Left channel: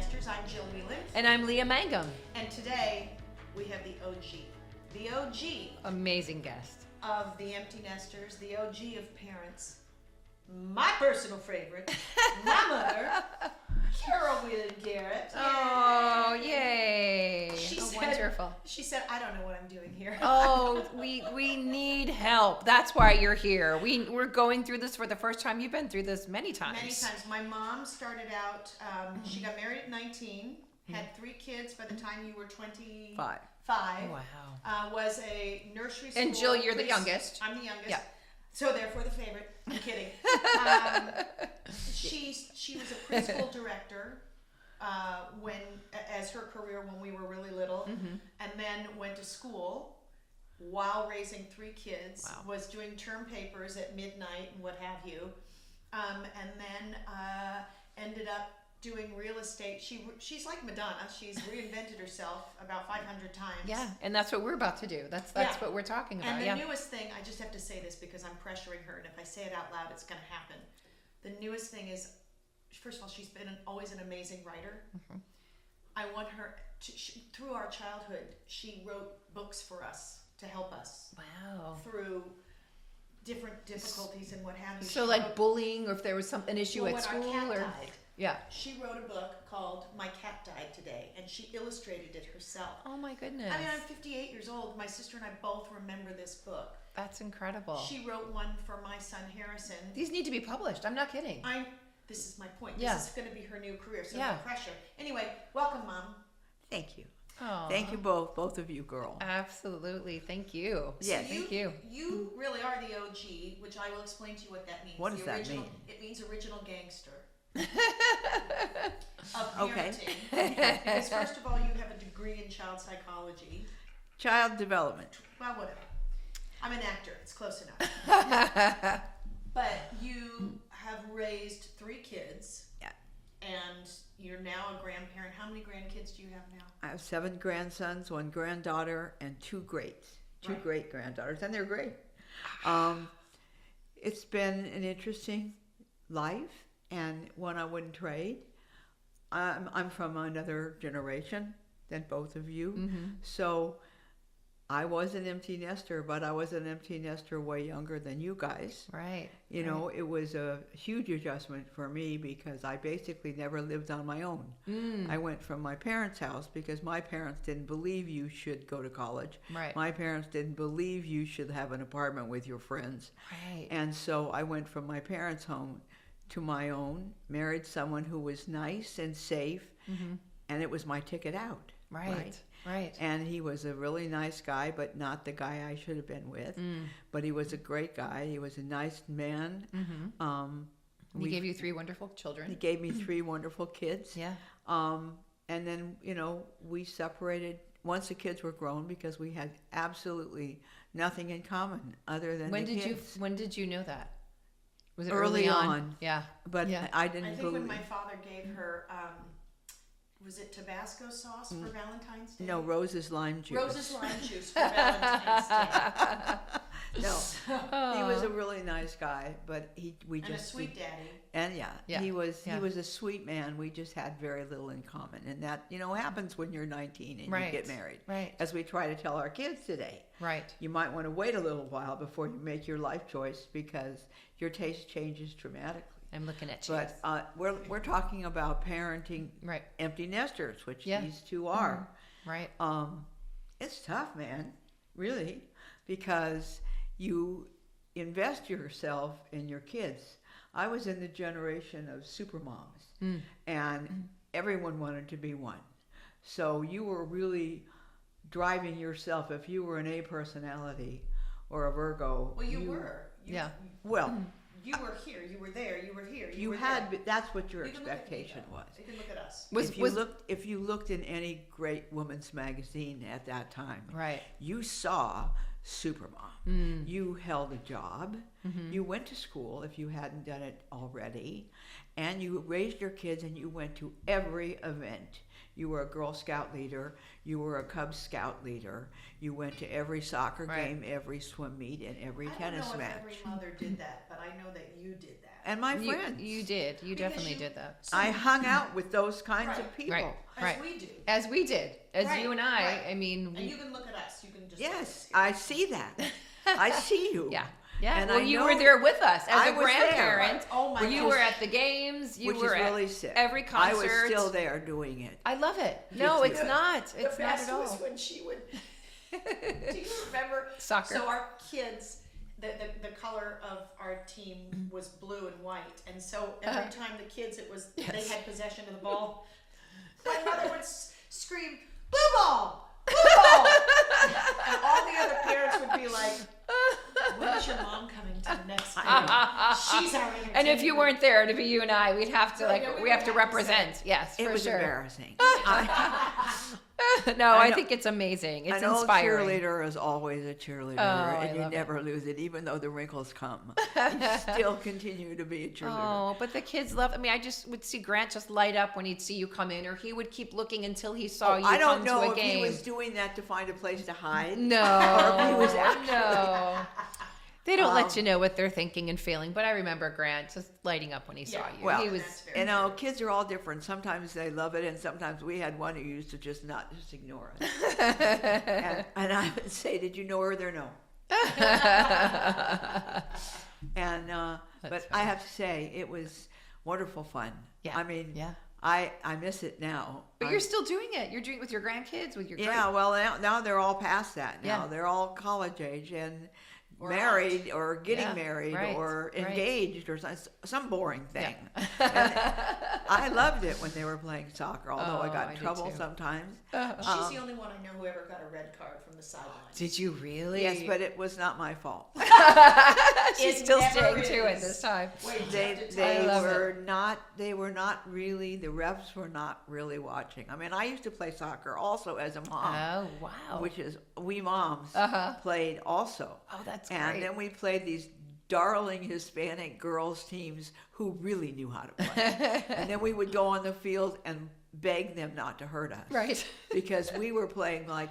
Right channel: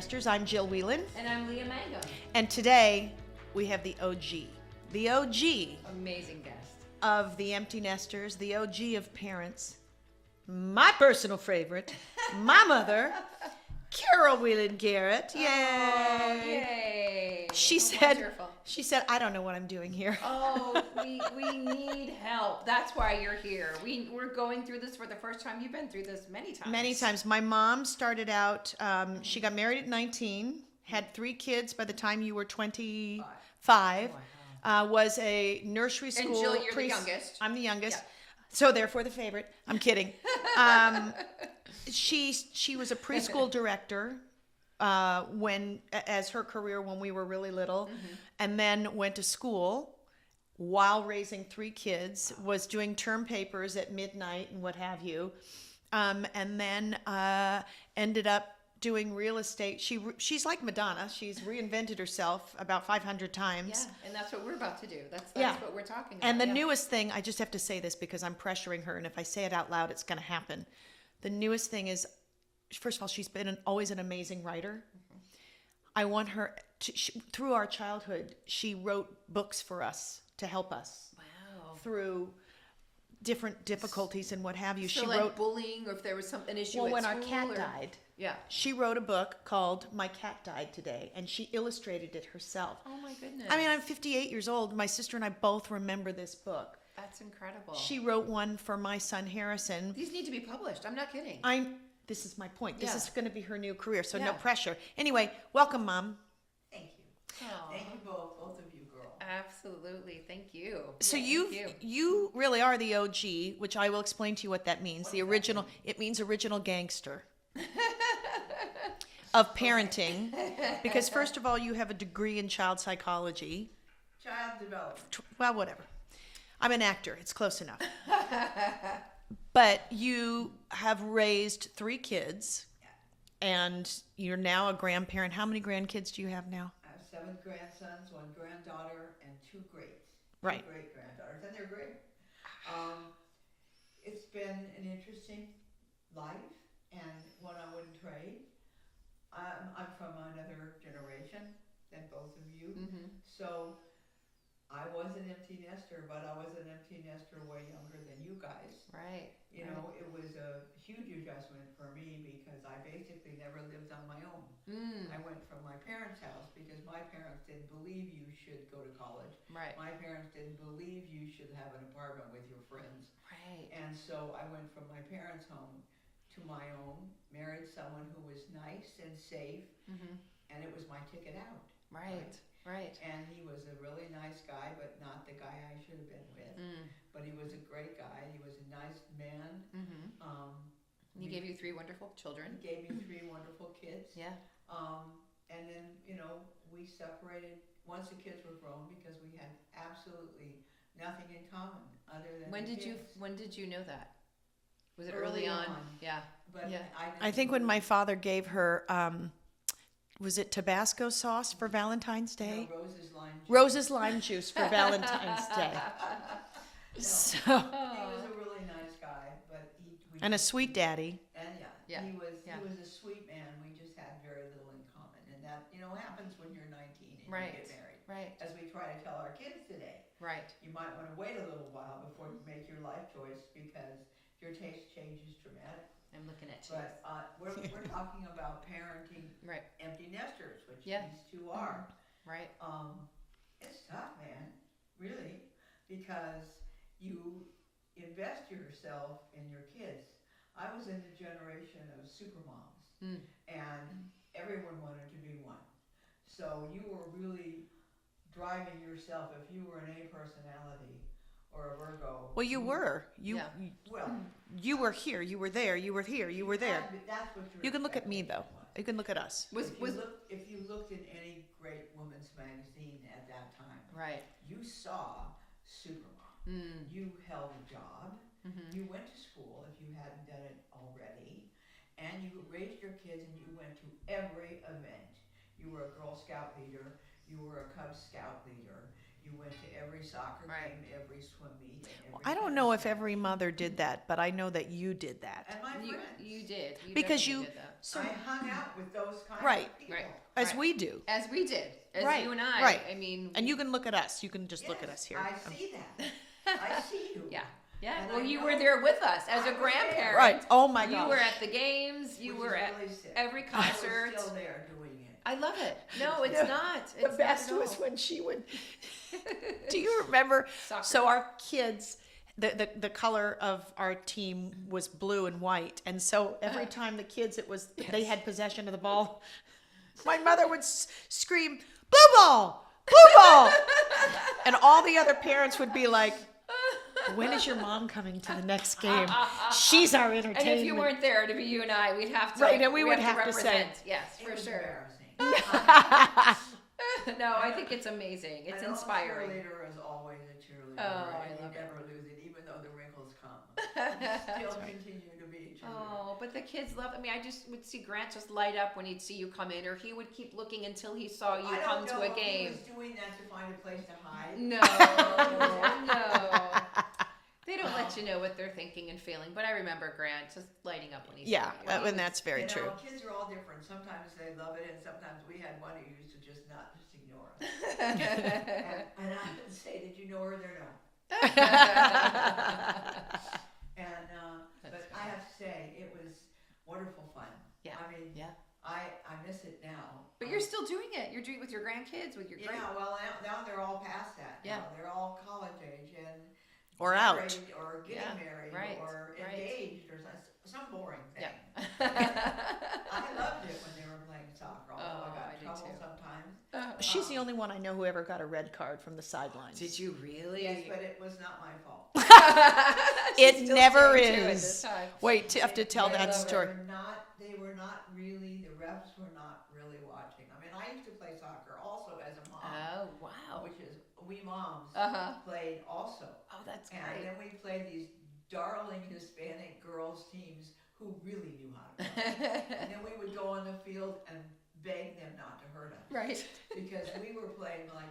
Nesters. I'm Jill Whelan. And I'm Leah Mangum. And today we have the OG. The OG. Amazing guest. Of the Empty Nesters, the OG of parents. My personal favorite, my mother, Carol Whelan Garrett. Yay! Oh, yay! She Wonderful. said, I don't know what I'm doing here. Oh, we need help. That's why you're here. We're going through this for the first time. You've been through this many times. Many times. My mom started out, she got married at 19, had 3 kids by the time you were 25. Oh, wow. Was a nursery school. And Jill, you're the youngest. I'm the youngest. Yeah. So therefore the favorite. I'm kidding. She was a preschool director as her career when we were really little, and then went to school while raising 3 kids. Wow. Was doing term papers at midnight and what have you, and then ended up doing real estate. She's like Madonna. She's reinvented herself about 500 times. Yeah, and that's what we're about to do. That's what we're talking about. And the newest thing, I just have to say this because I'm pressuring her, and if I say it out loud, it's going to happen. The newest thing is, first of all, she's been always an amazing writer. I want her to, through our childhood, she wrote books for us to help us. Wow. Through different difficulties and what have you. So she like wrote, bullying, or if there was an issue at when school. Our cat died. Yeah. She wrote a book called My Cat Died Today, and she illustrated it herself. Oh my goodness. I mean, I'm 58 years old. My sister and I both remember this book. That's incredible. She wrote one for my son Harrison. These need to be published. I'm not kidding. This is my point. Yeah. This is going to be her new career, so no Yeah. pressure. Anyway, welcome, Mom. Thank you. Aw. Thank you both of you, girl. Absolutely. Thank you. So Yeah, you really are the OG, which I will explain to you what that means. What The does that original. mean? It means original gangster. Of parenting. Because first of all, you have a degree in child psychology. Child development. Well, whatever. I'm an actor. It's close enough. But you have raised 3 kids. Yeah. And you're now a grandparent. How many grandkids do you have now? I have 7 grandsons, 1 granddaughter, and 2 greats. 2 Right. great granddaughters, and they're great. It's been an interesting life, and one I wouldn't trade. I'm from another generation than both of you, so I was an empty nester, but I was an empty nester way younger than you guys. Right. You know, it was a huge adjustment for me because I basically never lived on my own. I went from my parents' house because my parents didn't believe you should go to college. Right. My parents didn't believe you should have an apartment with your friends. Right. And so I went from my parents' home to my own, married someone who was nice and safe, and it was my ticket out. Right. And he was a really nice guy, but not the guy I should have been with. But he was a great guy. He was a nice man. He gave you 3 wonderful children. He gave me 3 wonderful kids. Yeah. And then, we separated once the kids were grown because we had absolutely nothing in common other than When the did kids. you know that? Was it Early on. Yeah. But Yeah. I didn't. I think when believe- my father gave her, was it Tabasco sauce for Valentine's Day? No, Rose's lime juice. Rose's lime juice for Valentine's Day. No, So, he was a really nice guy, but we and a just- sweet daddy. And Yeah. he was Yeah. a sweet man. We just had very little in common, and that happens when you're 19 and Right. you get married. Right. As we try to tell our kids today, Right. you might want to wait a little while before you make your life choice because your taste changes dramatically. I'm looking at you. But we're talking about parenting Right. empty nesters, which Yeah. these 2 are. Right. It's tough, man, really, because you invest yourself in your kids. I was in the generation of supermoms, and everyone wanted to be one. So you were really driving yourself. If you were an A personality or a Virgo, Well, you were. Well, You were here. You were there. You were here. You were had, there. that's what your You can look at me expectation though. was. You can look at us. If you looked in any great woman's magazine at that time, Right. you saw Supermom. You held a job. You went to school if you hadn't done it already, and you raised your kids and you went to every event. You were a Girl Scout leader. You were a Cub Scout leader. You went to every soccer game, every swim meet, and every I don't tennis know if match. every mother did that, but I know that you did that. And my You, friends. you did. You Because definitely you- did that. I hung out with those kinds Right, of people. right. As we do. As we did. As Right, you and I. right. I mean. And you can look at us. You can just look at us Yes, here. I see that. I see you. Yeah. Yeah. And well, I you know were there with us as I a was there, grandparent. right. Oh my You gosh. were at the games. You Which were is at really sick. every I concert. was still there doing it. I love it. No, it's not. It's the not best at all. was when she would. Do you remember? Soccer. So our kids, the color of our team was blue and white, and so every time the kids, they had possession of the ball. My mother would scream, "Blue ball, blue ball," and all the other parents would be like, "When is your mom coming to the next game? She's our entertainment." And if you weren't there to be you and I, we'd have to. Right, like, and we we would have to have to represent. say- Yes, It for was sure. embarrassing. No, I know. think it's amazing. It's An old inspiring. cheerleader is always a cheerleader, Oh, and I you love never lose it, even though the wrinkles come. You still continue to be a cheerleader. Oh, but the kids love. I mean, I just would see Grant just light up when he'd see you come in, or he would keep looking until he saw you I don't come know to a if game. he was doing that to find a place to hide. No, he was actually- no. They don't let you know what they're thinking and feeling, but I remember Grant just lighting up when he saw Yeah, you. well, He and was- that's very You know, true. kids are all different. Sometimes they love it, and sometimes we had one who used to just ignore us. and I would say, "Did you know her?" They're no. And but I have to say, it was wonderful fun. Yeah, I mean, yeah. I miss it now. But you're still doing it. You're doing it with your grandkids, with your Yeah, well, now they're all past that. Now Yeah. they're all college age and Or married or getting Yeah, married right, or right. engaged or some boring thing. And I loved it when they were playing soccer, although I Oh, got I in did trouble too. sometimes. She's the only one I know who ever got a red card from the sidelines. Did you really? Yes, but it was not my fault. It Still never staying to it is. this time. Wait, you have to tell they that story. they were not really, the refs were not really watching. I mean, I used to play soccer also as a mom, Oh wow. which is, we moms Uh-huh. played also. Oh, that's And great. then we played these darling Hispanic girls teams who really knew how to play. And then we would go on the field and beg them not to hurt us. Right. Because we were playing like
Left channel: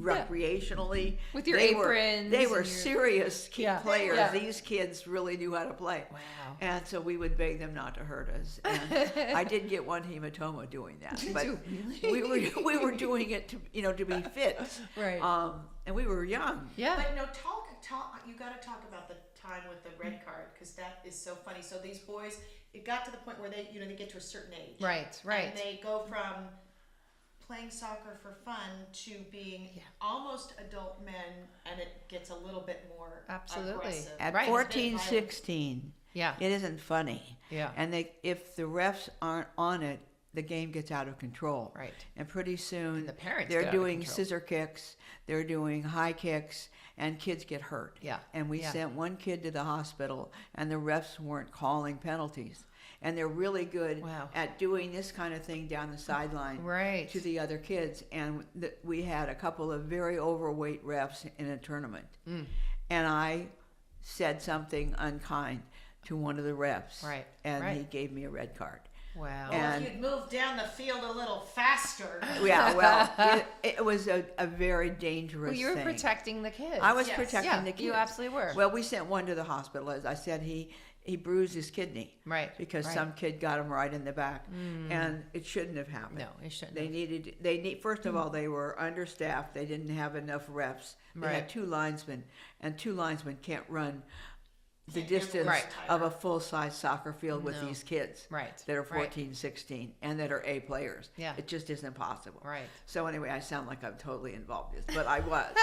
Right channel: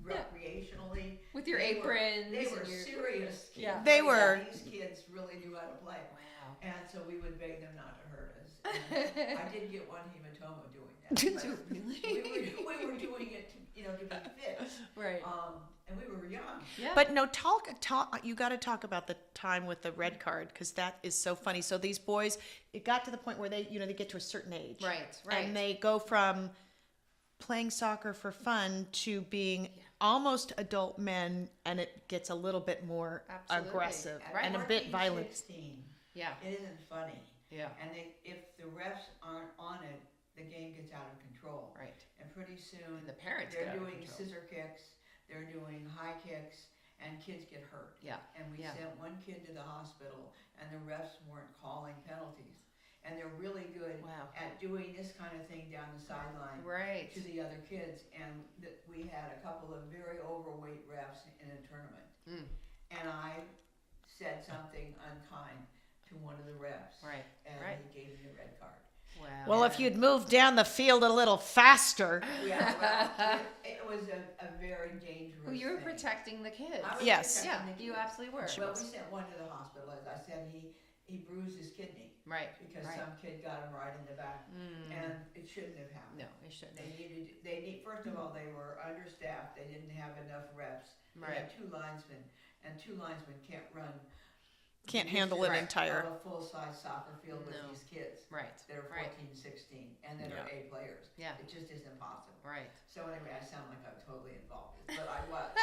recreationally. With your They aprons They and were your- serious Yeah. They players. were. These kids really knew how to play. Wow. And so we would beg them not to hurt us. And I did get one hematoma doing that. But we were doing it to be fit. Right. And we were young. Yeah. But no, talk. You got to talk about the time with the red card because that is so funny. So these boys, it got to the point where they get to a certain age, Right. and they go from playing soccer for fun to being almost adult men, and it gets a little bit more Absolutely. aggressive. At and a bit 14, violent. 16, Yeah. it isn't funny. Yeah. And if the refs aren't on it, the game gets out of control. Right. And pretty soon The parents they're get out of doing control. scissor kicks, they're doing high kicks, and kids get hurt. Yeah. And we Yeah. sent one kid to the hospital, and the refs weren't calling penalties. And they're really good Wow. at doing this kind of thing down the sideline Right. to the other kids. And we had a couple of very overweight refs in a tournament. Mm. And I said something unkind to one of the refs. Right, And right. he gave me a red card. Wow. Well, if And- you'd moved down the field a little faster. Yeah, well, it was a very dangerous Well, you were thing. protecting the kids. I was Yes. protecting Yeah, the kids. you absolutely were. Well, we sent one to the hospital. As I said, he bruised his kidney Right. because right. some kid got him right in the back, and it shouldn't have happened. No, it shouldn't. They need. First of all, they were understaffed. They didn't have enough reps. They Right. had 2 linesmen, and 2 linesmen can't run. Can't the handle the distance entire- of a full-size soccer field with No. these kids Right. that are Right. 14, 16, and that are A players. Yeah. It just isn't possible. Right. So anyway, I sound like I'm totally involved in this, but I was.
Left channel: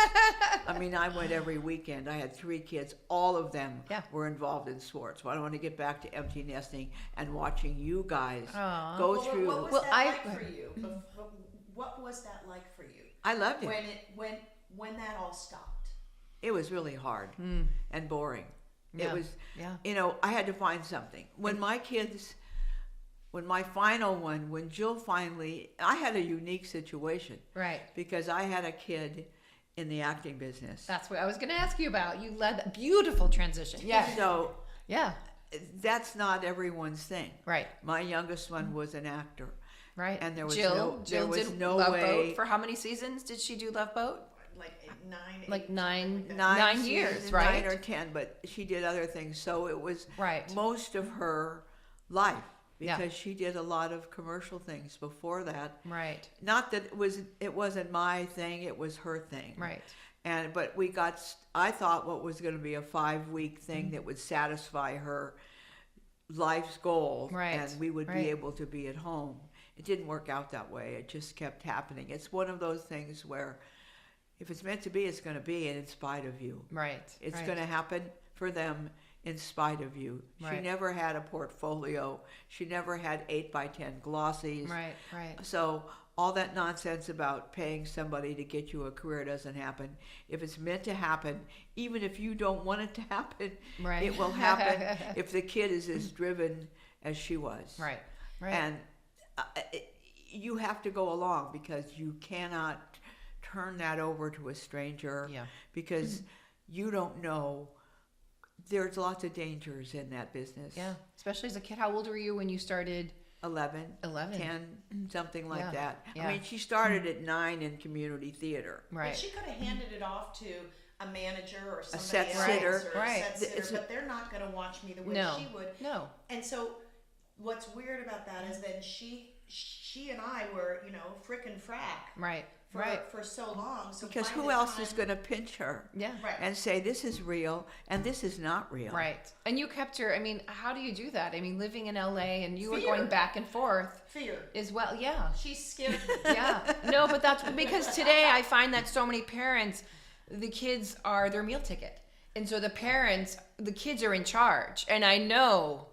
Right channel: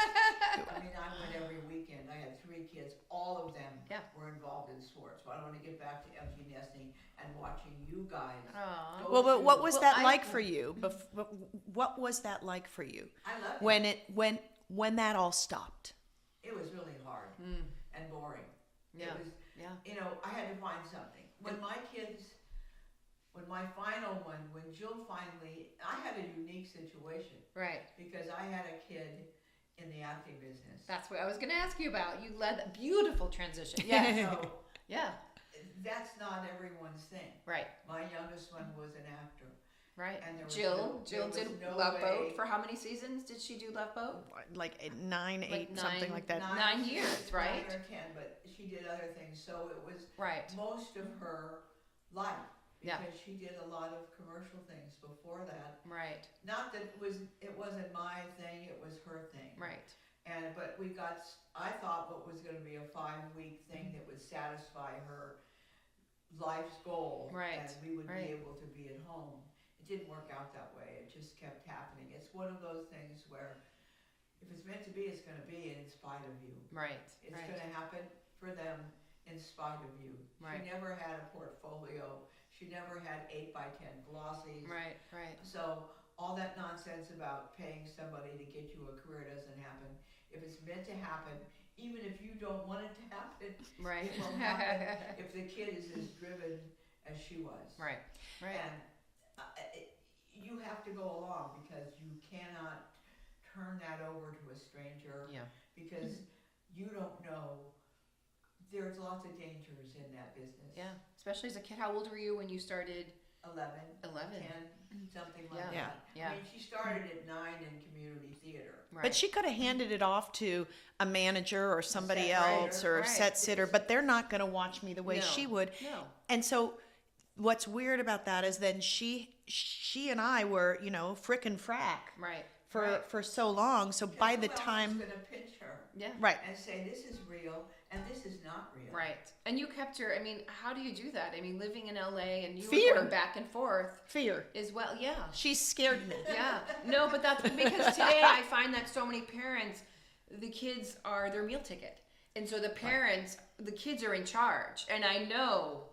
I mean, I went every weekend. I had 3 kids. All of them Yeah. were involved in sports. So I want to get back to empty nesting and watching you guys Aw. go Well, through. but what was that I- like for you? What was that like for you I loved it. when that all stopped? It was really hard and boring. Yeah. It was, Yeah. I had to find something. When my final one, when Jill finally, I had a unique situation Right. because I had a kid in the acting business. That's what I was going to ask you about. You led a beautiful transition. Yeah. So Yeah. that's not everyone's thing. Right. My youngest one was an actor, Right. And there was Jill did no Love way. Boat. For how many seasons did she do Love Boat? Like 9, 8, Like something like that. 9 years, seasons, right? 9 or 10, but she did other things. So it was Right. most of her life, Yeah. because she did a lot of commercial things before that. Right. Not that it wasn't my thing, it was her thing. Right. But I thought what was going to be a 5-week thing that would satisfy her life's goal, Right. and we would Right. be able to be at home. It didn't work out that way. It just kept happening. It's one of those things where if it's meant to be, it's going to be, and in spite of you. Right. It's right. going to happen for them in spite of you. She Right. never had a portfolio. She never had 8x10 glossies. Right. Right. So all that nonsense about paying somebody to get you a career doesn't happen. If it's meant to happen, even if you don't want it to happen, Right. it will happen if the kid is as driven as she was. Right. Right. And you have to go along, because you cannot turn that over to a stranger, yeah. because you don't know. There's lots of dangers in that business. Yeah. Especially as a kid. How old were you when you started? 11, 11. 10, something like Yeah. that. Yeah. I mean, she started at 9 in community theater. Right. But she could have handed it off to a manager or somebody set else sitter. or a Right. set sitter, but they're not going to watch me the way No. she would. No. And so what's weird about that is then she and I were, frickin' frack Right. for right. for so long. So Because by who the else time is going to pinch her Yeah. right. and say this is real and this is not real? Right. And you kept her, I mean, how do you do that? I mean, living in LA and you Fear. were going back and forth Fear. as well. Yeah. She scared me. Yeah. No, but that's because today I find that so many parents, the kids are their meal ticket. And so the kids are in charge. And I know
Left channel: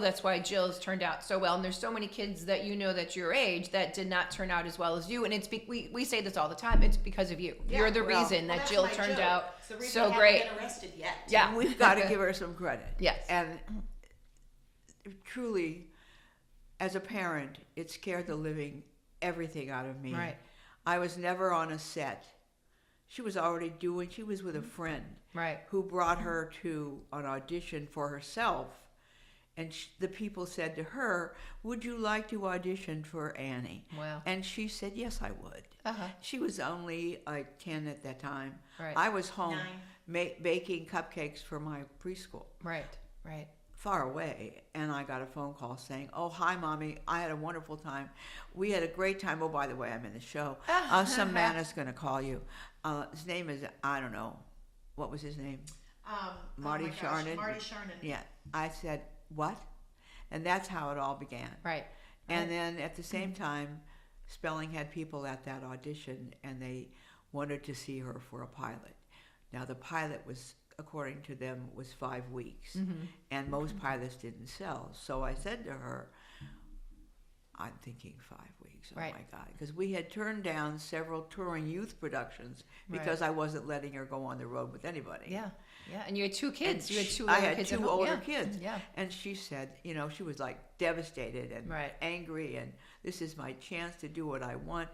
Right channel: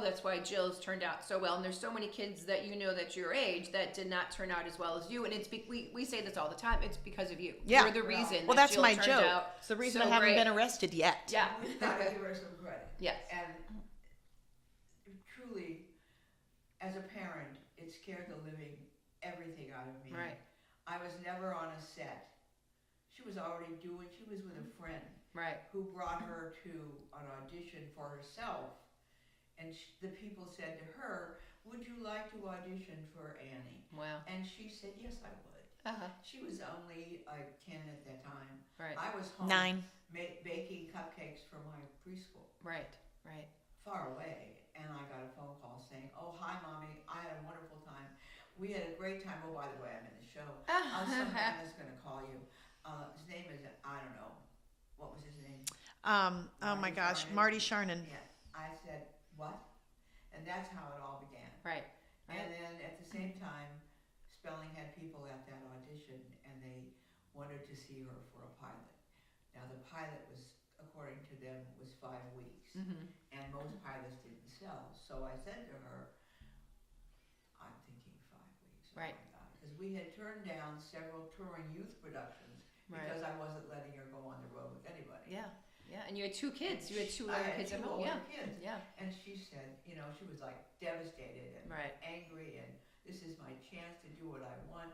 that's why Jill's turned out so well. And there's so many kids that that's your age that did not turn out as well as you. And it's we say this all the time. It's because of you. Yeah, You're the well- reason Well, that that's Jill my turned joke. out It's the reason so I haven't great. been arrested yet. Yeah. We've got to give her some credit. Yes. And truly, as a parent, it scared the living everything out of me. Right. I was never on a set. She was with a friend Right. who brought her to an audition for herself. And the people said to her, "Would you like to audition for Annie?" Wow. And she said, "Yes, I would." Uh-huh. She was only like 10 at that time. Right. I was home 9. baking cupcakes for my preschool, Right. Right. far away, and I got a phone call saying, "Oh, hi, Mommy. I had a wonderful time. We had a great time. Oh, by the way, I'm in the show. Some man is going to call you. His name is, I don't know. What was his name?" Oh my Marty gosh, Sharnin. Marty Sharnin. Yeah. I said, "What?" And that's how it all began. Right. And then at the same time, Spelling had people at that audition, and they wanted to see her for a pilot. Now, the pilot was, according to them, was 5 weeks, and most pilots didn't sell. So I said to her, "I'm thinking 5 weeks. Oh Right. my God!" Because we had turned down several touring youth productions Right. because I wasn't letting her go on the road with anybody. Yeah. Yeah. And you had 2 kids. You had 2 I older had kids. 2 at home. older Yeah. kids. Yeah. And she said, she was like devastated and Right. angry, and this is my chance to do what I want.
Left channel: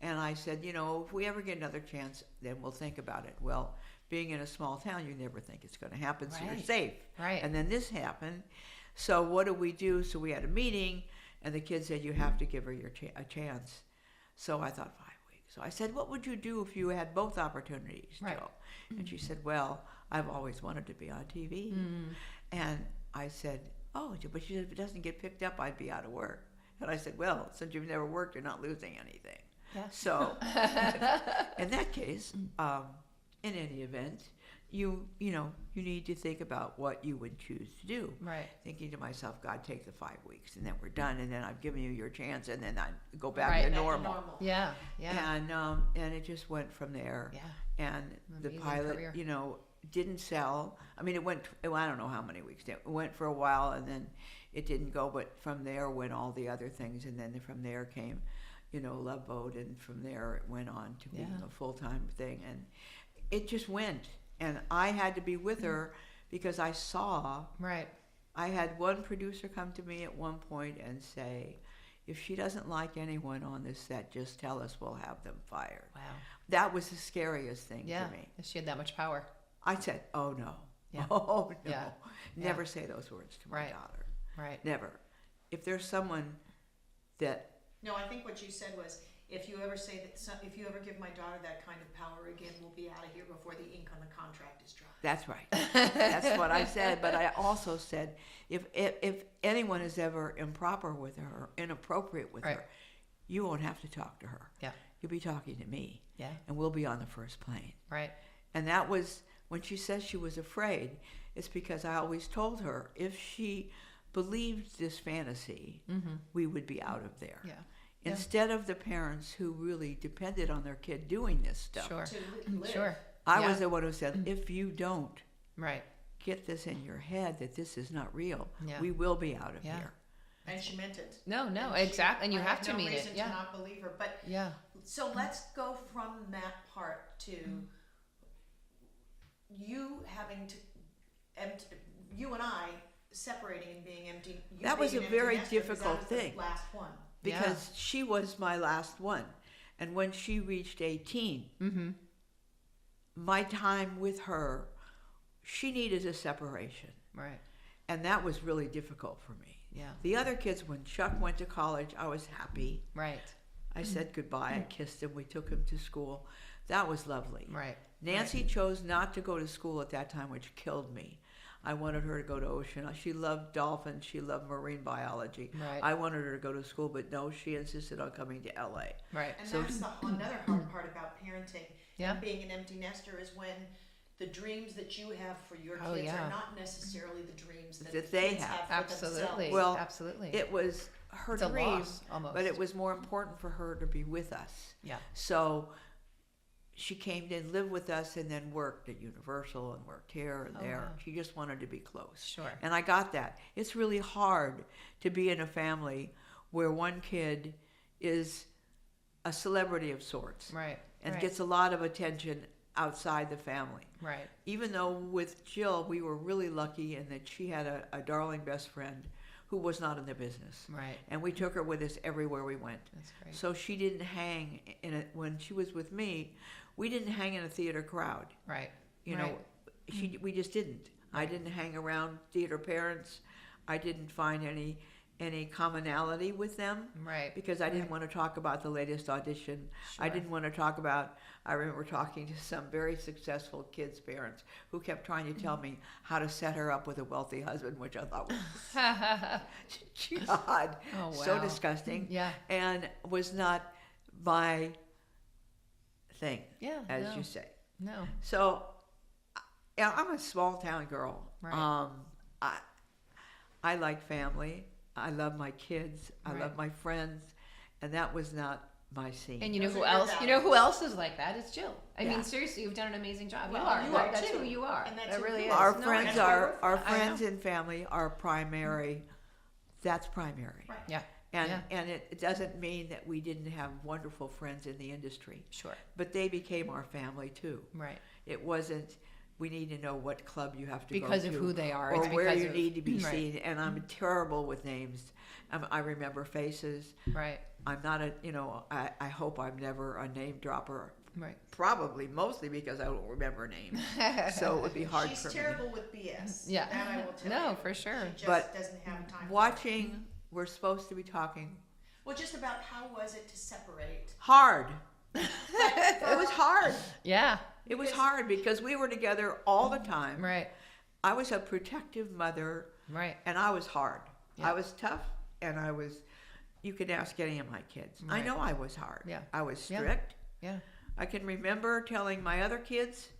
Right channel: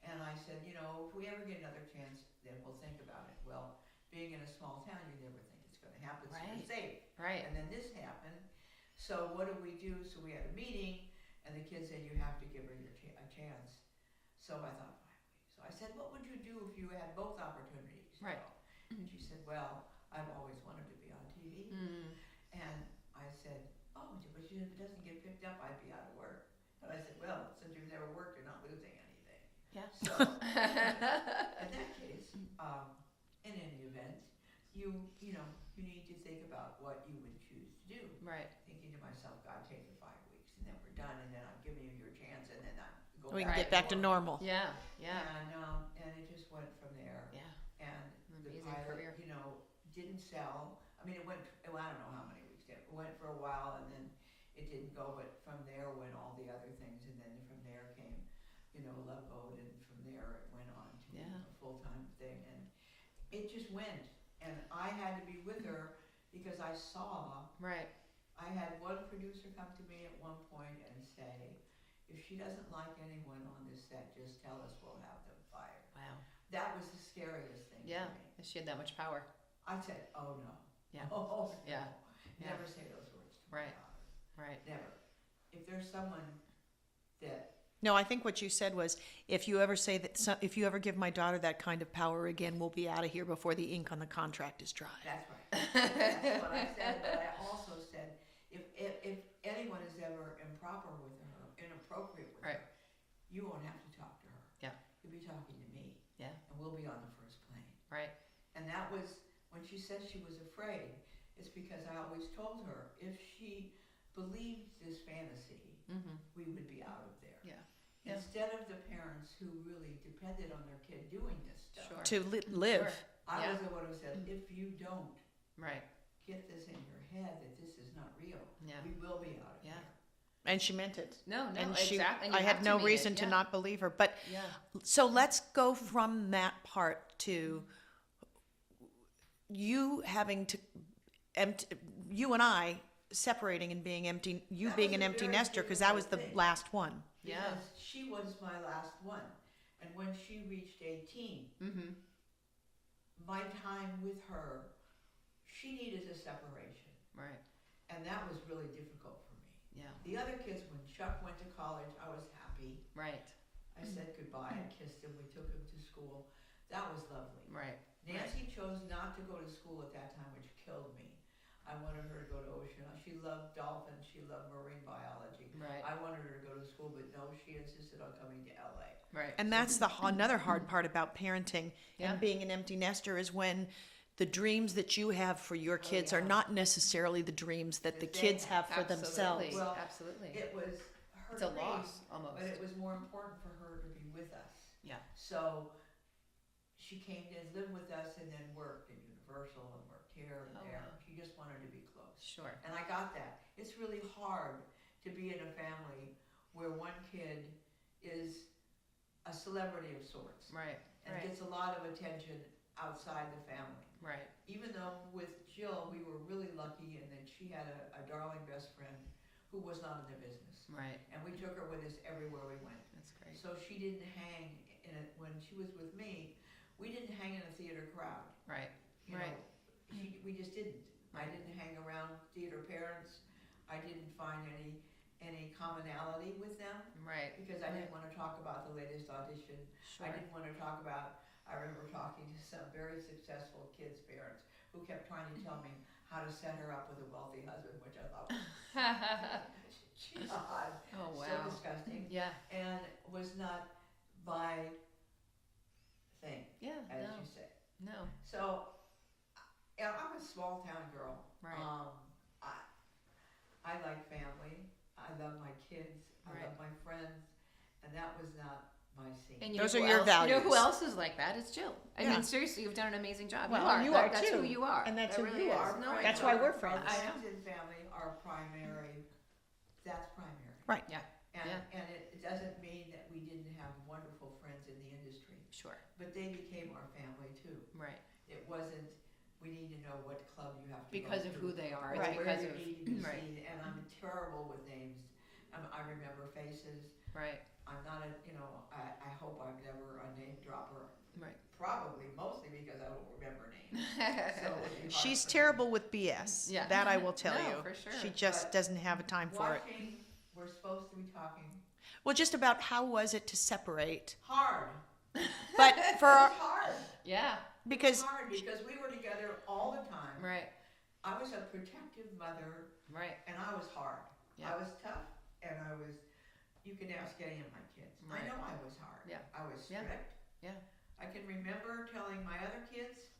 And I said, if we ever get another chance, then we'll think about it. Well, being in a small town, you never think it's going to happen, so you're Right. safe. Right. And then this happened. So what do we do? So we had a meeting, and the kid said, "You have to give her a chance." So I thought 5 weeks. So I said, "What would you do if you had both opportunities, Right. Jill?" And she said, "Well, I've always wanted to be on TV." And I said, "Oh," but she said, "If it doesn't get picked up, I'd be out of work." And I said, "Well, since you've never worked, you're not losing anything." Yeah. So in that case, in any event, you need to think about what you would choose to do. Right. Thinking to myself, "God, take the 5 weeks, and then we're done, and then I've given you your chance, and then I go back, Right, to, Back normal. to normal. Yeah. Yeah. And it just went from there. Yeah. And the Amazing pilot, career. didn't sell. I mean, it went. I don't know how many weeks. It went for a while, and then it didn't go. But from there went all the other things, and then from there came, Love Boat, and from there it went on to being Yeah. a full-time thing, and it just went. And I had to be with her because I saw. Right. I had one producer come to me at one point and say, "If she doesn't like anyone on this set, just tell us. We'll have them fired." Wow. That was the scariest thing Yeah. to me. She had that much power. I said, "Oh no, Yeah. oh no, Yeah. never say those words to my Right. daughter. Right. Never. If there's someone that No, I think what you said was, if you ever say that, if you ever give my daughter that kind of power again, we'll be out of here before the ink on the contract is dry. That's right. That's what I said. But I also said, if anyone is ever improper with her, or inappropriate with her, you won't have to talk to her. Yeah. You'll be talking to me. Yeah. And we'll be on the first plane. Right. And that was, when she says she was afraid, it's because I always told her if she believed this fantasy, we would be out of there. Yeah. Instead of the parents who really depended on their kid doing this stuff. Sure. To live. Sure. I was the one who said, if you don't Right. get this in your head that this is not real, Yeah. we will be out of Yeah. here. And she meant it. No, And exactly. And you I have have to no mean reason it. to Yeah. not believe her. But Yeah. so let's go from that part to you having to you and I separating and being empty. You That being was an a empty very nester because that was difficult the thing. last one. Because she was my last one. And when she reached 18, my time with her, she needed a separation. Right. And that was really difficult for me. Yeah. The other kids, when Chuck went to college, I was happy. Right. I said goodbye. I kissed him. We took him to school. That was lovely. Right. Nancy chose not to go to school at that time, which killed me. I wanted her to go to ocean. She loved dolphins. She loved marine biology. Right. I wanted her to go to school, but no, she insisted on coming to LA. Right. And that's another hard part about parenting Yeah. and being an empty nester is when the dreams that you have for your kids are yeah. not necessarily the dreams that the That they kids have. have for Absolutely. themselves. Well, absolutely. It was her It's a dream, loss, almost. but it was more important for her to be with us. Yeah. So she came to live with us and then worked at Universal and worked here and there. wow. She just wanted to be close. Sure. And I got that. It's really hard to be in a family where one kid is a celebrity of sorts Right. and right. gets a lot of attention outside the family. Right. Even though with Jill, we were really lucky in that she had a darling best friend who was not in the business. Right. And we took her with us everywhere we went. That's great. So she didn't hang in it. When she was with me, we didn't hang in a theater crowd. Right. You know, we just didn't. I didn't hang around theater parents. I didn't find any commonality with them Right. because I didn't want to talk about the latest audition. I Sure. didn't want to talk about, I remember talking to some very successful kids' parents who kept trying to tell me how to set her up with a wealthy husband, which I thought was God, Oh, so wow. disgusting, Yeah. and was not my thing, Yeah. as no. you say. No. So, yeah, I'm a small town girl. Right. I like family. I love my kids. I Right. love my friends, and that was not my scene. And you Those know are who your else? You know who values. else is like that? It's Jill. I Yeah. mean, seriously, you've done an amazing job. Well, you are. you Like, are that's too. who you are. And that's It who really you is. are. Our No, friends that's why we're are our friends. I friends know. and family are primary. That's primary. Right. Yeah. And Yeah. and it doesn't mean that we didn't have wonderful friends in the industry, Sure. but they became our family too. Right. It wasn't. We need to know what club you have to Because go of to, who they are. or It's where because you of, need to be right. seen. And I'm terrible with names. I remember faces. Right. I'm not a. I hope I'm never a name dropper. Right. Probably mostly because I don't remember names. So it would be hard. She's for me. terrible with BS. Yeah. That I will tell No, you. for sure. She just But doesn't have a time for it. Watching, we're supposed to be talking. Well, just about how was it to separate? Hard. But It for was hard. Yeah. It was Because- hard because we were together all the time. Right. I was a protective mother, Right. and I was hard. Yeah. I was tough, and I was. You could ask any of my kids. I Right. know I was hard. Yeah. I was Yeah. strict. Yeah. I can remember telling my other kids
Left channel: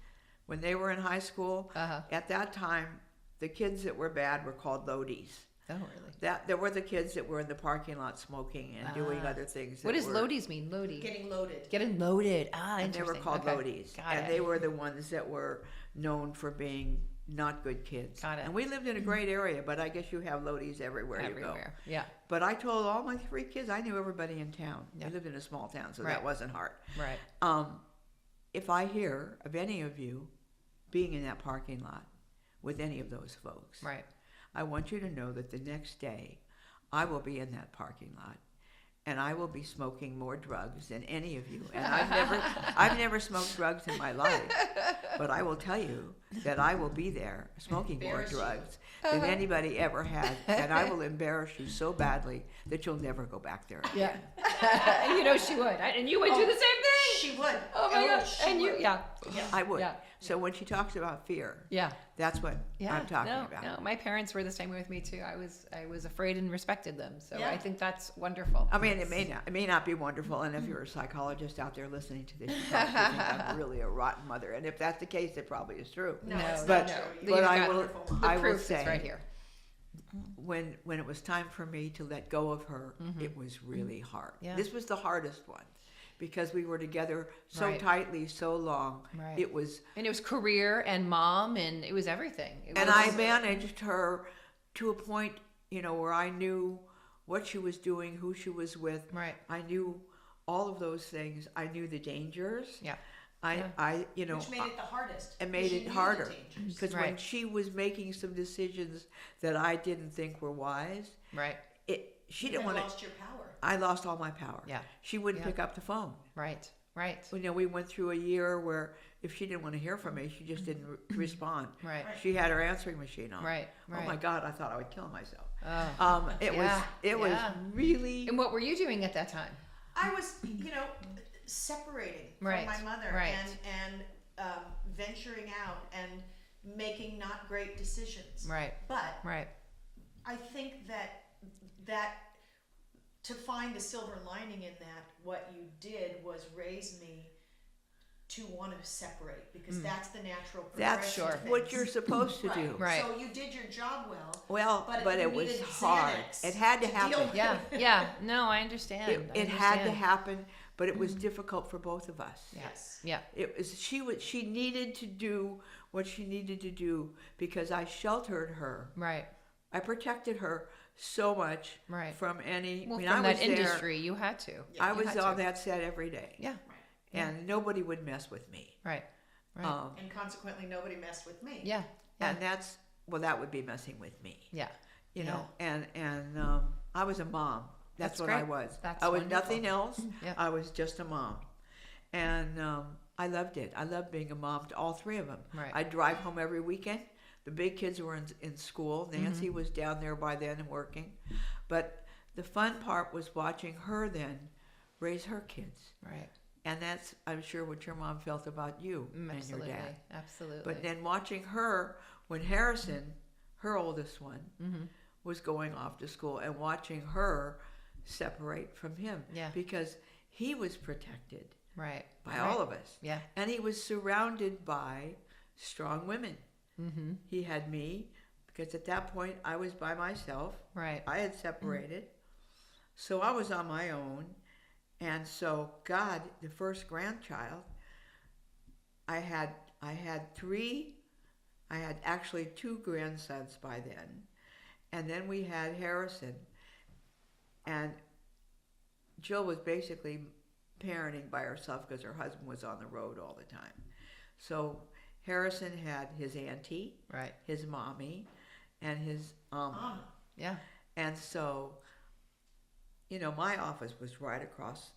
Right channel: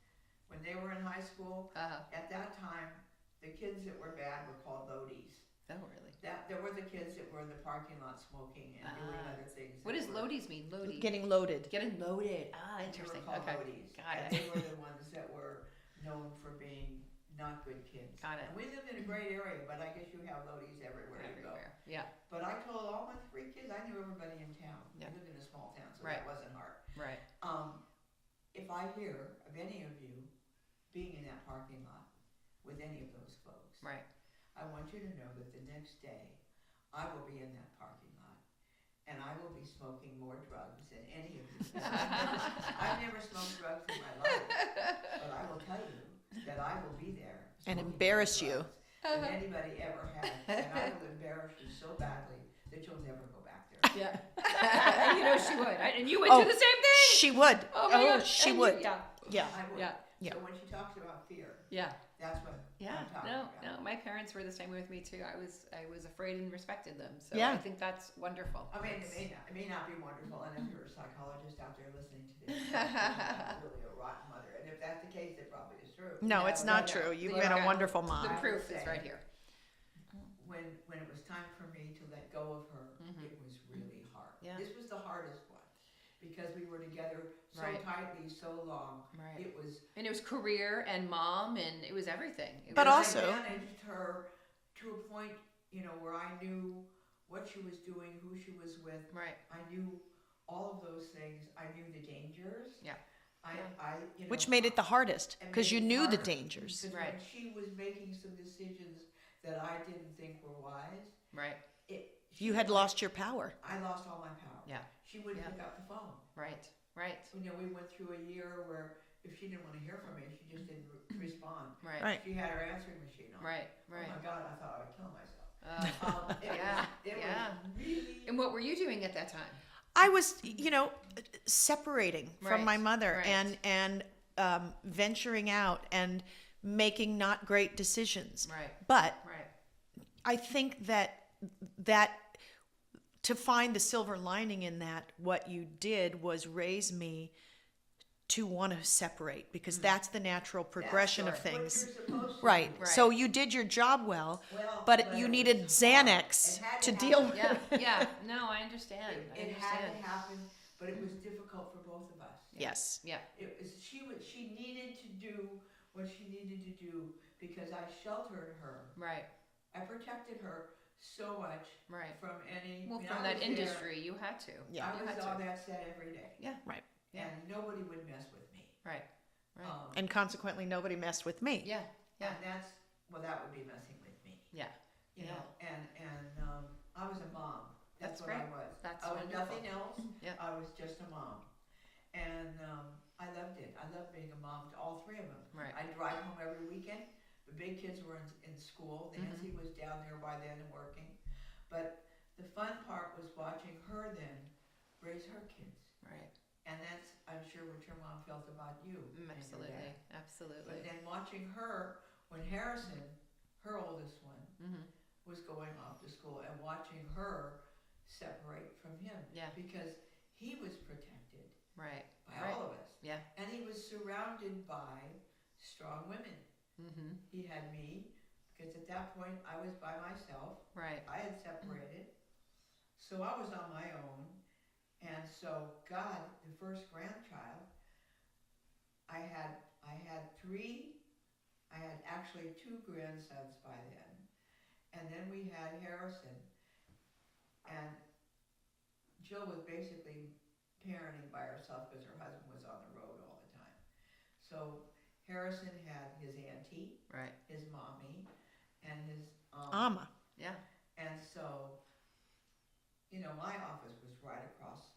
when they were in high school. Uh-huh. At that time, the kids that were bad were called loadies. Oh, really? That there were the kids that were in the parking lot smoking and doing Ah. other things. What that does were, loadies mean? Loadie. getting loaded. Getting loaded. Ah, And they interesting. were called Okay. loadies, Got and it. they were the ones that were known for being not good kids. Got it. And we lived in a great area, but I guess you have loadies everywhere, you go. Everywhere. Yeah. But I told all my 3 kids, I knew everybody in town. Yeah. We lived in a small town, so Right. that wasn't hard. Right. If I hear of any of you being in that parking lot with any of those folks, Right. I want you to know that the next day I will be in that parking lot and I will be smoking more drugs than any of you. And I've never smoked drugs in my life, but I will tell you that I will be there smoking embarrass more you. drugs than anybody ever had, and I will embarrass you so badly that you'll never go back there. Yeah. You know she would. And you went through the same thing. She would. Oh my God. She And would. yeah. Yeah. I would. Yeah. So when she talks about fear, Yeah. that's what I'm talking about. No, my parents were the same way with me too. I was afraid and respected them. So Yeah. I think that's wonderful. I mean, it may not be wonderful, and if you're a psychologist out there listening to this, you probably think I'm really a rotten mother. And if that's the case, it probably is true. No, No, it's no, not no. true. You But are I a will- wonderful mom. I The will proof say- is right here. When it was time for me to let go of her, it was really hard. Yeah. This was the hardest one because we were together so Right. tightly, so long. Right. It was, And it was career and mom and it was everything. It and was I also- managed her to a point, where I knew what she was doing, who she was with. Right. I knew all of those things. I knew the dangers. Yeah. Which made it the hardest it made because you it knew harder. the dangers. Because when Right. she was making some decisions that I didn't think were wise, Right. she You didn't had wanna- lost your power. I lost all my power. Yeah. She wouldn't Yeah. pick up the phone. Right. Right. We went through a year where if she didn't want to hear from me, she just didn't respond. Right. Right. She had her answering machine on. Right. Oh my God, I thought I would kill myself. It Yeah, was yeah. really. And what were you doing at that time? I was, separating from Right, my mother right. and venturing out and making not great decisions. Right. But Right. I think that to find the silver lining in that, what you did was raise me to want to separate because that's the natural progression That's of things. what you're supposed to Right. do. Right. So you did your job well. Well, but it you was needed hard. Xanax It had to happen. deal with. Yeah. Yeah. No, I understand. It had to happen, but it was difficult for both of us. Yes. Yeah. It was she needed to do what she needed to do because I sheltered her. Right. I protected her so much Right. from any. Well, I from was that there. industry, you had to. Yeah, I you was had on to. that set every day, Yeah. Right. and nobody would mess with me. Right. Right. And consequently, nobody messed with me. Yeah. And that would be messing with me. Yeah. You Yeah. know, and I was a mom. That's what I great. was. That's I was wonderful. nothing else. Yeah. I was just a mom, and I loved it. I loved being a mom to all three of them. Right. I'd drive home every weekend. The big kids were in school. Nancy was down there by then and working, but the fun part was watching her then raise her kids, Right. and that's I'm sure what your mom felt about you and your Absolutely. dad. Absolutely. But then watching her when Harrison, her oldest one, was going off to school and watching her separate from him Yeah. because he was protected Right. by Right. all of us. Yeah. And he was surrounded by strong women. Mm-hmm. He had me because at that point I was by myself. Right. I had separated. So I was on my own. And so God, the first grandchild, I had actually two grandsons by then. And then we had Harrison. And Jill was basically parenting by herself because her husband was on the road all the time. So Harrison had his auntie, Right. his mommy, and his Ama. Yeah. and so, my office was right across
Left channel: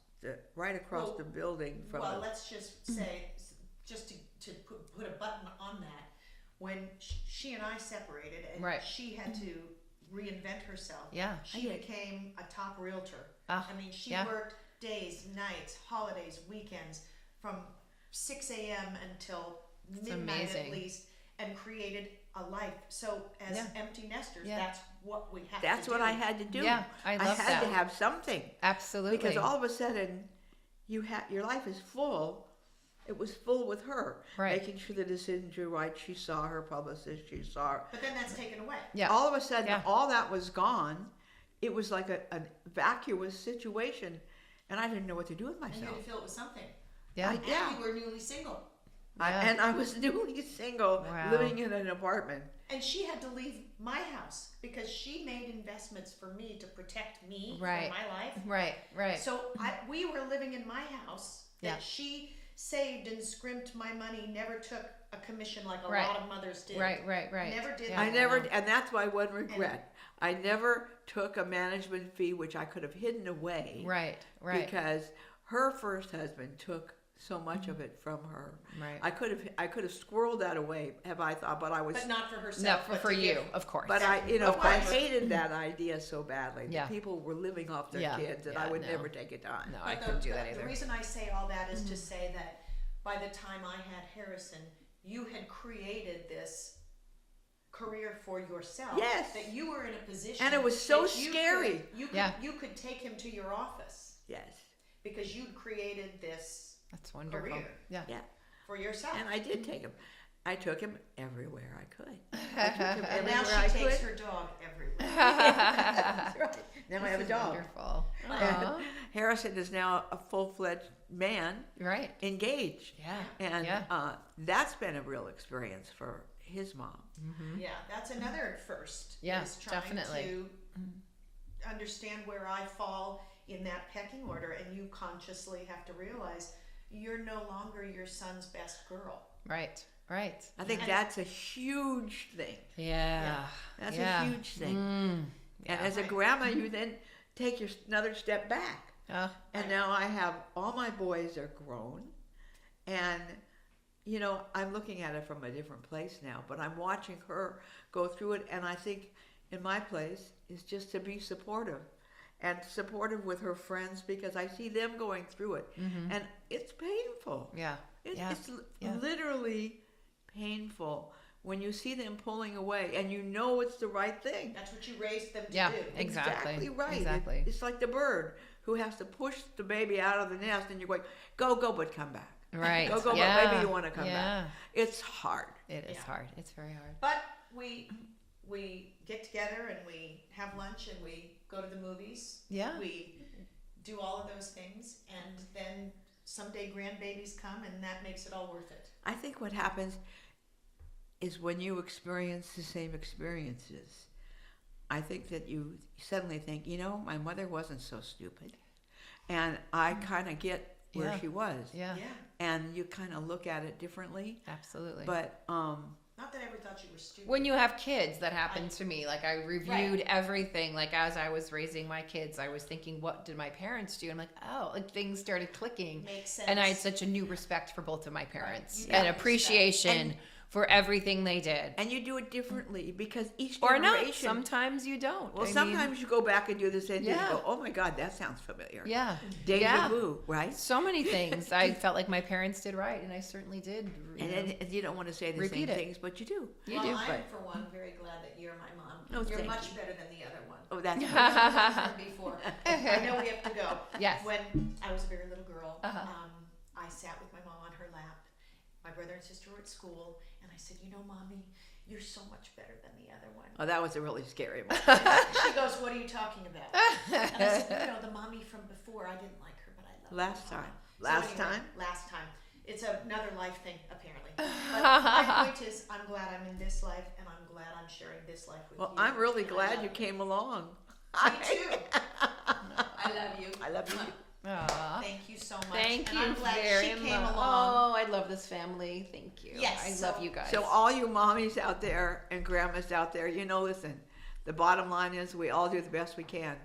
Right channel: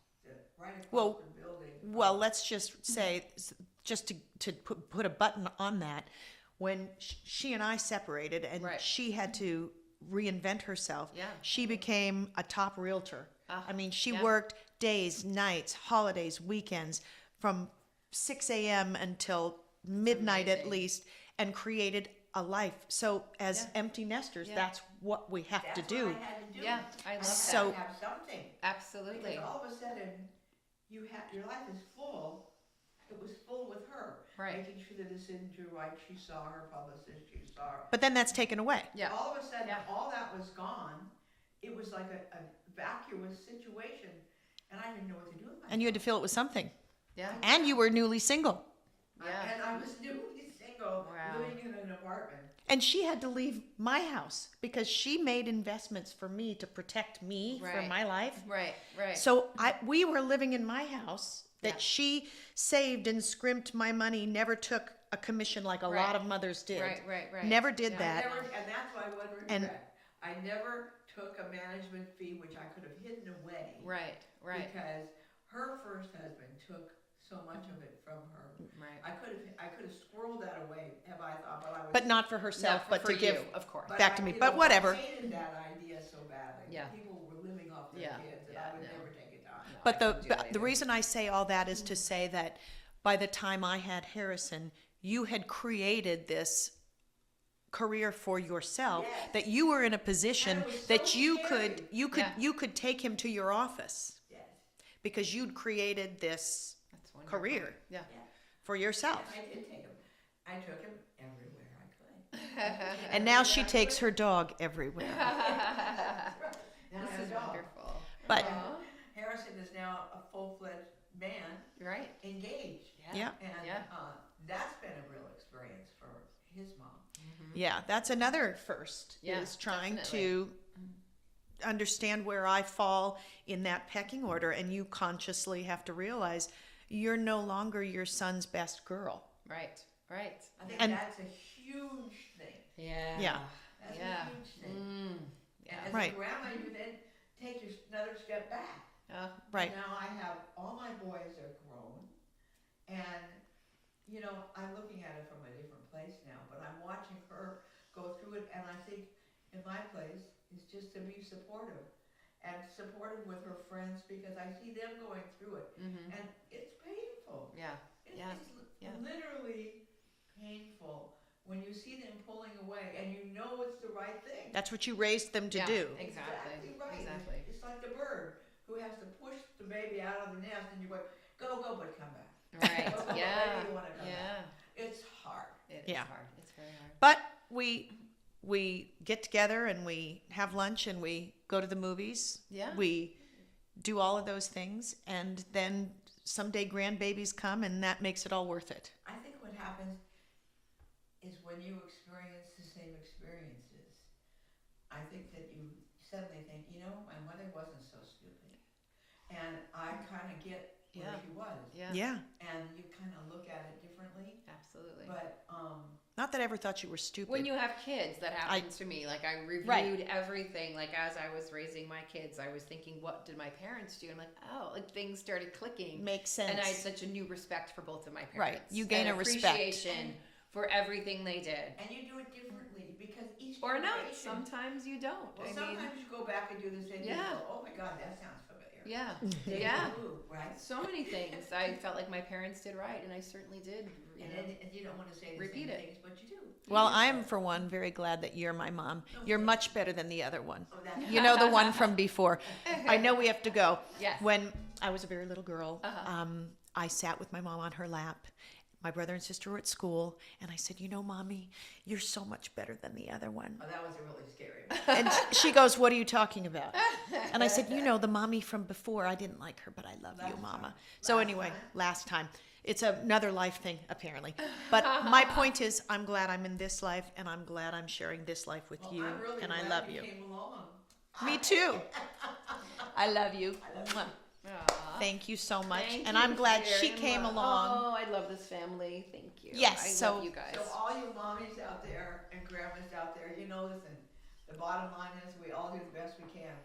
Well, the building. From Well, the- let's just say, just to put a button on that, when she and I separated and Right. she had to reinvent herself, Yeah. she became a top realtor. Ah, I mean, she yeah. worked days, nights, holidays, weekends, from 6 a.m. until midnight at amazing. least, and created a life. So as Yeah. empty nesters, Yeah. that's what we have That's to do. what I had to do. Yeah. I I love had that. to have something Absolutely. because all of a sudden, your life is full. It was full with her, Right. making sure the decisions were right. She saw her publicist. She saw her. But then that's taken away. Yeah. All of a sudden, Yeah. all that was gone. It was like a vacuous situation, and I didn't know what to do with myself. And you had to fill it with something. Yeah. And you were newly single. And I was newly single, Wow. living in an apartment. And she had to leave my house because she made investments for me to protect me Right. from my life. Right. Right. So we were living in my house that Yeah. she saved and scrimped my money, never took a commission like a Right. lot of mothers did. Right. Right. Right. Never did Yeah. that. And that's my one regret. I never took a management fee, which I could have hidden away. Right. Right. Because her first husband took so much of it from her. Right. I could have squirreled that away, have I thought, but I was. But not for herself, No, but for to you, give. of course. But back I, to me. you But know, whatever. I hated that idea so badly. Yeah. That people were living off their Yeah. kids, and Yeah, I would no. never take it on. No, I But couldn't do that the either. reason I say all that is to say that by the time I had Harrison, you had created this career for yourself. Yes. That you were in a position And it was so that you scary. could you could take him to your office Yes. because you'd created this That's wonderful. career Yeah. Yeah. for yourself. And I did take him. I took him everywhere I could. And now she Everywhere I takes could. her dog everywhere. That's right. Now I have a dog. Wonderful. But- Aw. Harrison is now a full-fledged man, Right. engaged. Yeah. And Yeah. that's been a real experience for his mom. Yeah, that's another first. Yeah, is trying definitely. to understand where I fall in that pecking order, and you consciously have to realize you're no longer your son's best girl. Right. Right. I think And- that's a huge thing. Yeah. Yeah. That's Yeah. a huge thing. Mm. And Yeah. as Right. a grandma, you then take another step back. Right. And now I have all my boys are grown, and you know I'm looking at it from a different place now. But I'm watching her go through it, and I think in my place is just to be supportive, and supportive with her friends because I see them going through it, and it's painful. Yeah. Yeah. It's Yeah. literally painful when you see them pulling away, and you know it's the right thing. That's what you raised them to Yeah. do. Exactly. right. Exactly. It's like the bird who has to push the baby out of the nest, and you're going, go, but come back. Right. Go, but yeah. maybe you want to come Yeah. back. It's hard. It is Yeah. hard. It's very hard. But we get together and we have lunch and we go to the movies. Yeah. We do all of those things, and then someday grandbabies come, and that makes it all worth it. I think what happens is when you experience the same experiences, I think that you suddenly think, you know, my mother wasn't so stupid, and I kind of get where Yeah. she was. Yeah. Yeah. And you kind of look at it differently. Absolutely. But Not that I ever thought you were stupid. when you have kids, that happened to me. Like I reviewed Right. everything. Like as I was raising my kids, I was thinking, what did my parents do? I'm like, oh, like things started clicking. Makes sense. And I had such a new respect for both of my parents. You and gain a respect. appreciation And- for everything they did. and you do it differently because each Or generation. not. Sometimes you don't. Well, I mean, sometimes you go back and do the same thing. Yeah. You go, oh my God, that sounds familiar. yeah. Deja Yeah. vu, right? So many things I felt like my parents did right, and I certainly did. And you don't want to say the Repeat same it. things, but you do. You Well, do. I'm for one very glad that you're my mom. Oh, You're thank much you. better than the other one. Oh, that's You know, the one from before. I know we have to go. Yes. When I was a very little girl, Uh-huh. I sat with my mom on her lap. My brother and sister were at school, and I said, you know, Mommy, you're so much better than the other one. Oh, that was a really scary one. And she goes, what are you talking about? And I said, you know, the mommy from before, I didn't like her, but I love Last you, Mama. time. So Last anyway, time? last time. It's another life thing, apparently. But my point is, I'm glad I'm in this life, and I'm glad I'm sharing this life with Well, you. I'm really and I glad love you came along. Me too. I love you. I love you. Aw. Thank you so much. Thank and you I'm glad very she came much. along. Oh, I love this family. Thank you. Yes, I so- love you guys. So all you mommies out there and grandmas out there, you know, listen, the bottom line is we all do the best we can.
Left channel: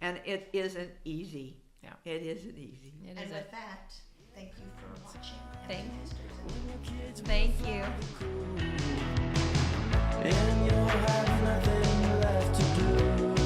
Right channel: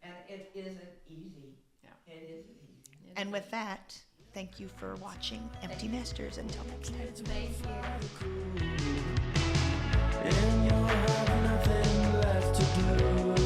And it isn't easy. Yeah. It isn't easy. It And is with that, thank you for watching Empty Nesters. Until next time. Thank you. And you'll have nothing left to do.